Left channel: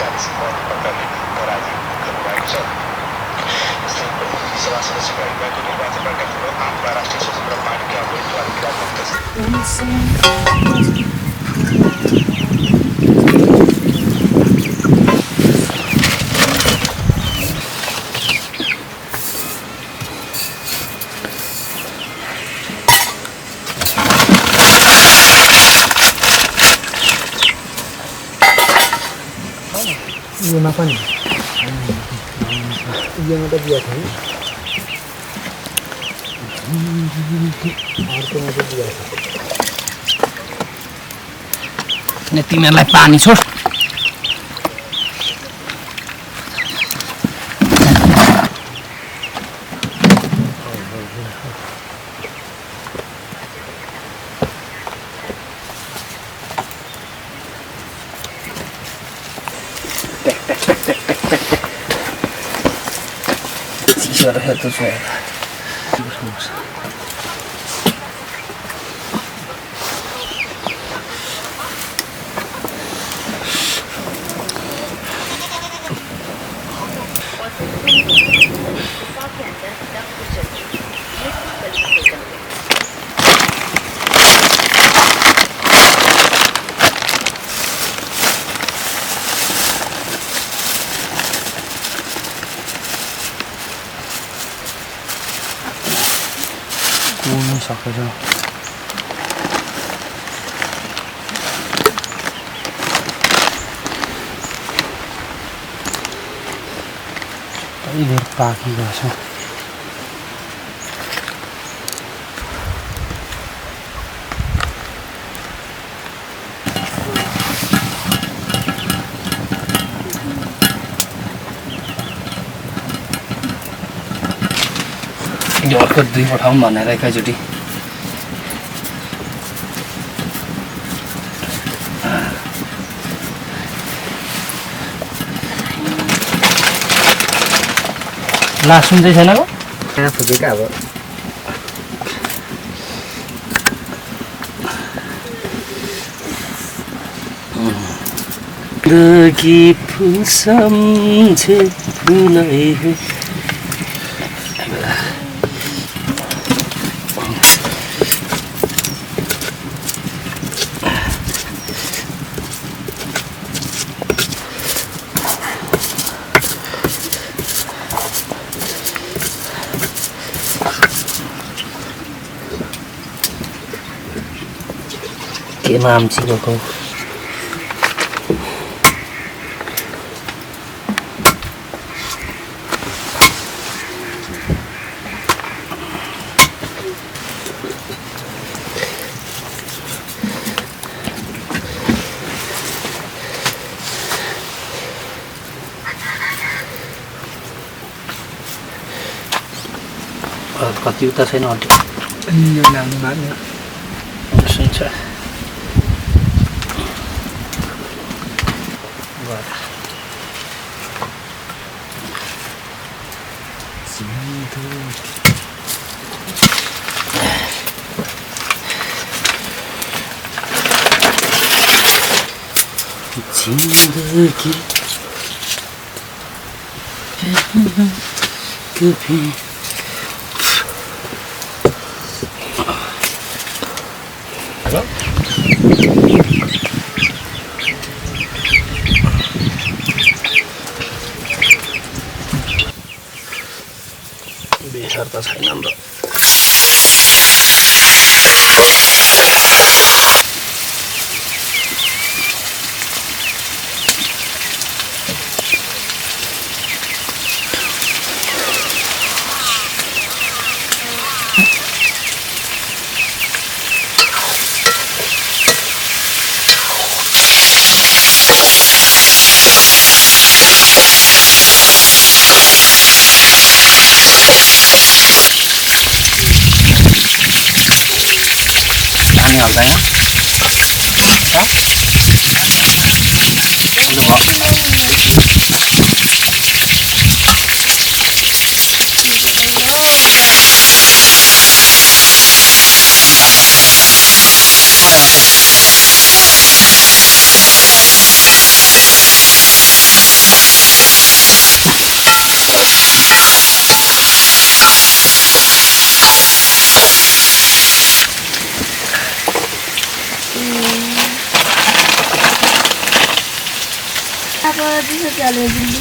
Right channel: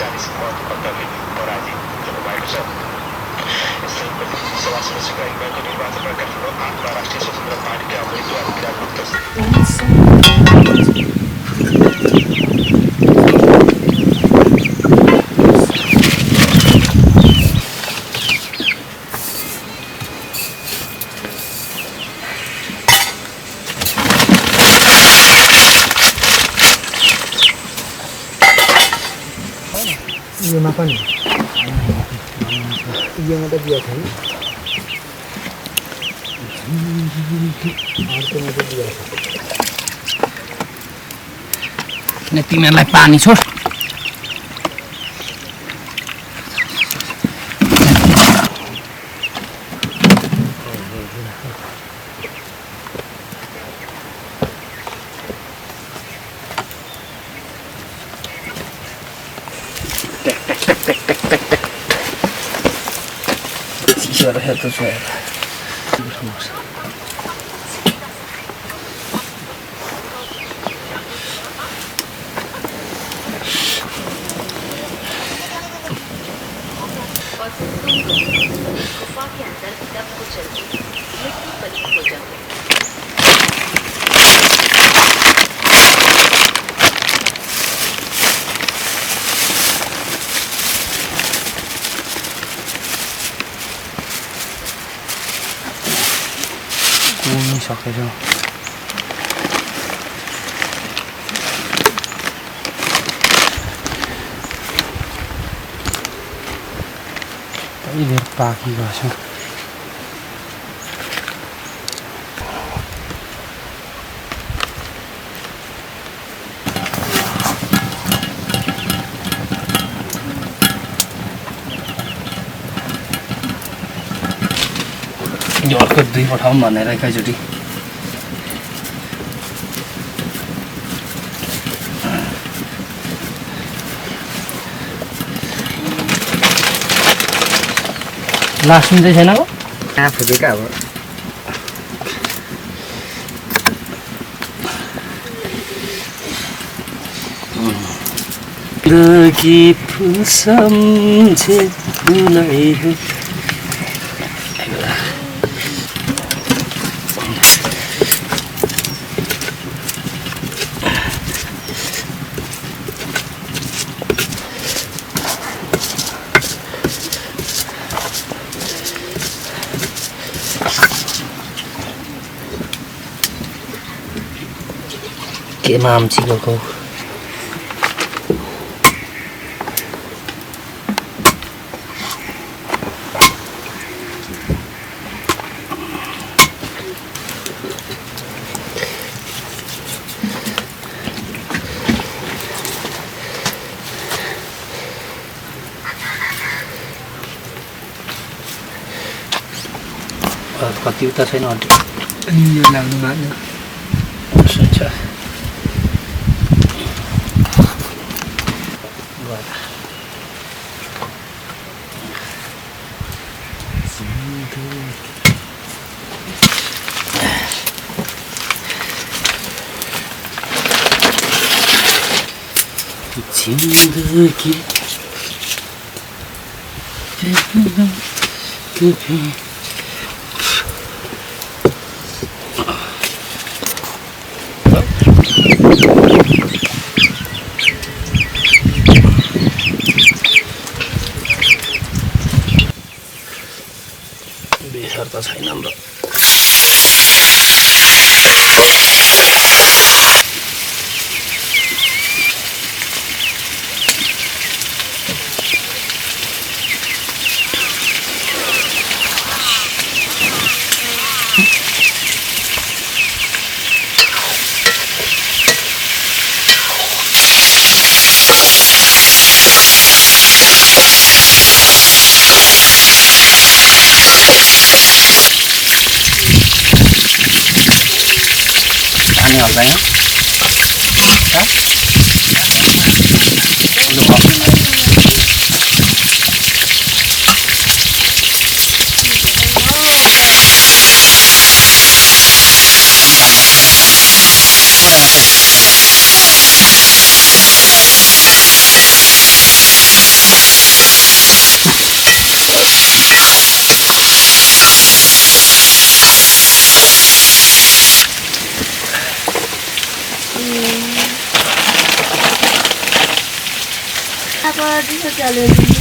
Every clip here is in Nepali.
40 मत अन्तरले पराजित गर्नुभएको छ। यसले प्रतिनिधि सभा सदस्यको लागि भएको निर्वाचनमा काठमाडौँ 8मा राष्ट्रिय स्वतन्त्र पार्टीका उम्मेद्वार विराट योमा पनि योमा त दिएको छैन अर्कोमा चाहिँ दिएको छ अनि तिमीहरूलाई पानी छोड Itu saya. सकेछ कहिले पाकेको छ यो अर्को 2 पठाउँ भनेर एकैचोटि लास्ट सुन्दै छैन हो आफू क्या अब कि फुल सम्झे फुलै के नाम चिको कति उता छैन लाग्नु मार्नु सुन्छ जिंदगी बेसर त छैन हाम्रो हाल्दैन apa bisa jalan ini?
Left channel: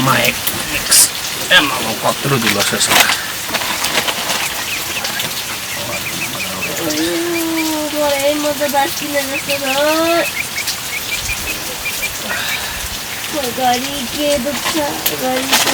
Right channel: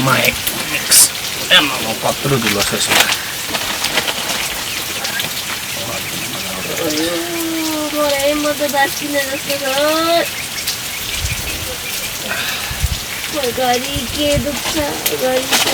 Mic mix. Emang kotor dulu selesai. Boleh mau berbagi dengan saya. गाड़ी के दुख गाड़ी के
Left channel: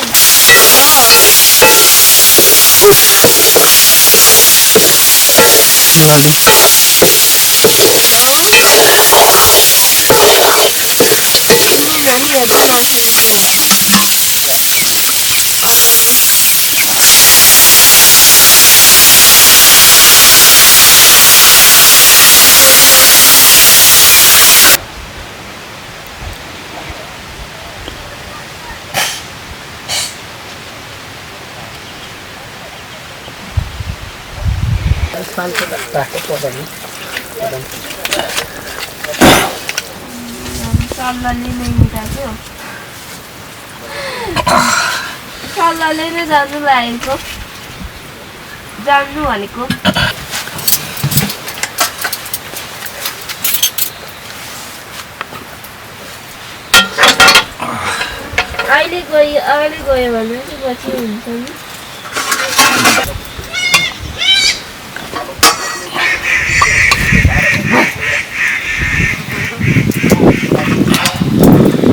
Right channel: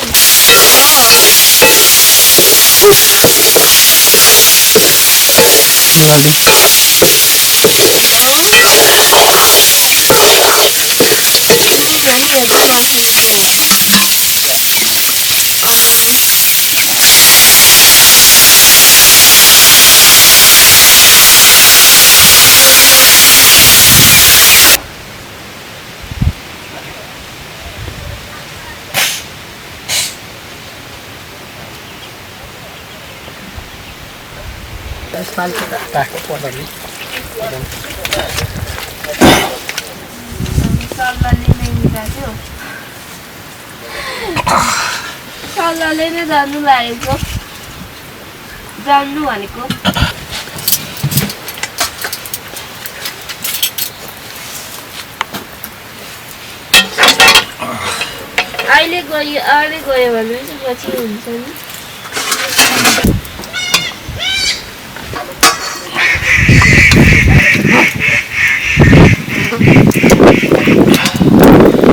सल्लाहले नै मिलाएको सल्लाहले नै जानु लागेको जान्नु भनेको अहिले गयो भने पछि हुन्छ नि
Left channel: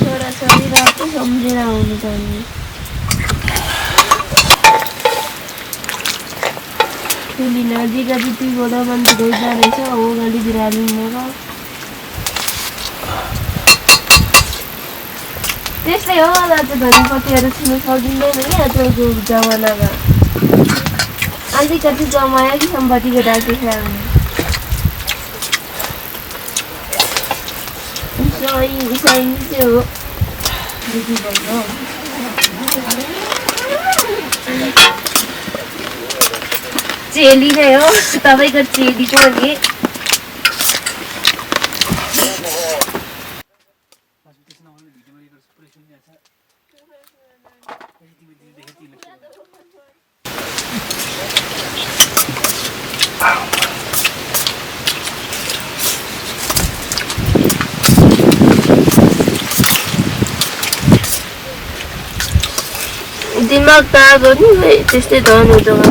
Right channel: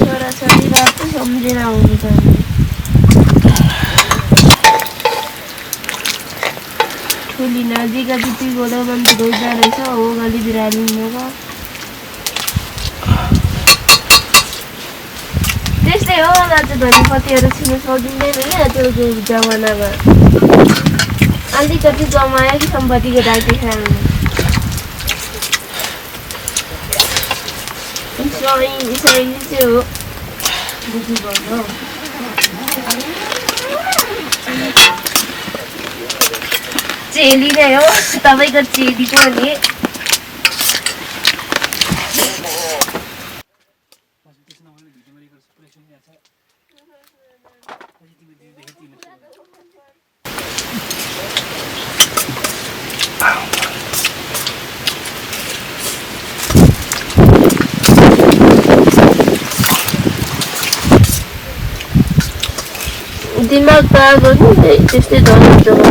छोराछोरी रातो सम्झेर आउनु पर्ने फेरि नजिक दिदीबाट मान्छे रोज्दा रहेछ हो गली बिरालिनको त्यस्तै हो दाजु धनीपतिहरू छिर्नु सकिँदैन क्या त्यो जमानामा अलिकति जमायो कि सम्पत्तिको दाजु खानु सही चाहिँ हो दिदी भन्नु चेली नै हो तपाईँको चेली पनि दिमाग तार गर्नु त्यस्तै धर्नु जग्गा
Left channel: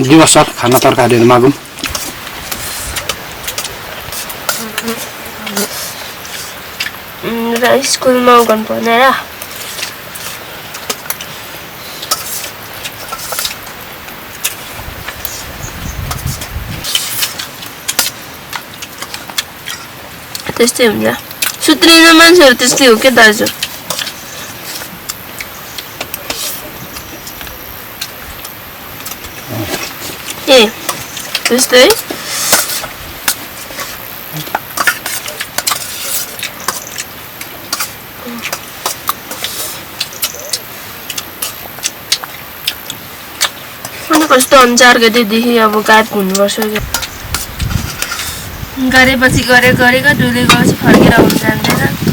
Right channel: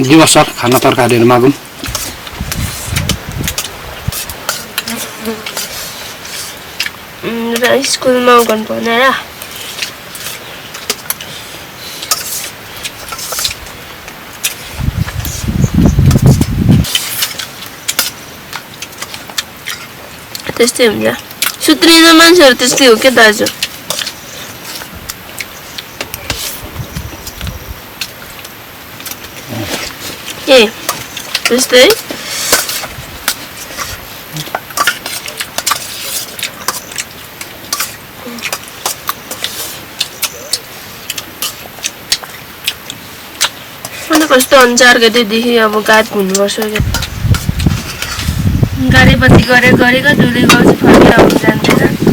दिवस सर खाना तरकारीहरू मागौँ स्कुलमा गर्नु पर्ने र त्यस्तै हुन्छ सुत्रिने मान्छेहरू त्यस्तै हो क्या दाजु ए त्यस्तै कस्तो अनुसार गएदेखि अब गात हुनुपर्छ गरेपछि गरेको डुले गर्छ फर्केर आउनु जान्दैन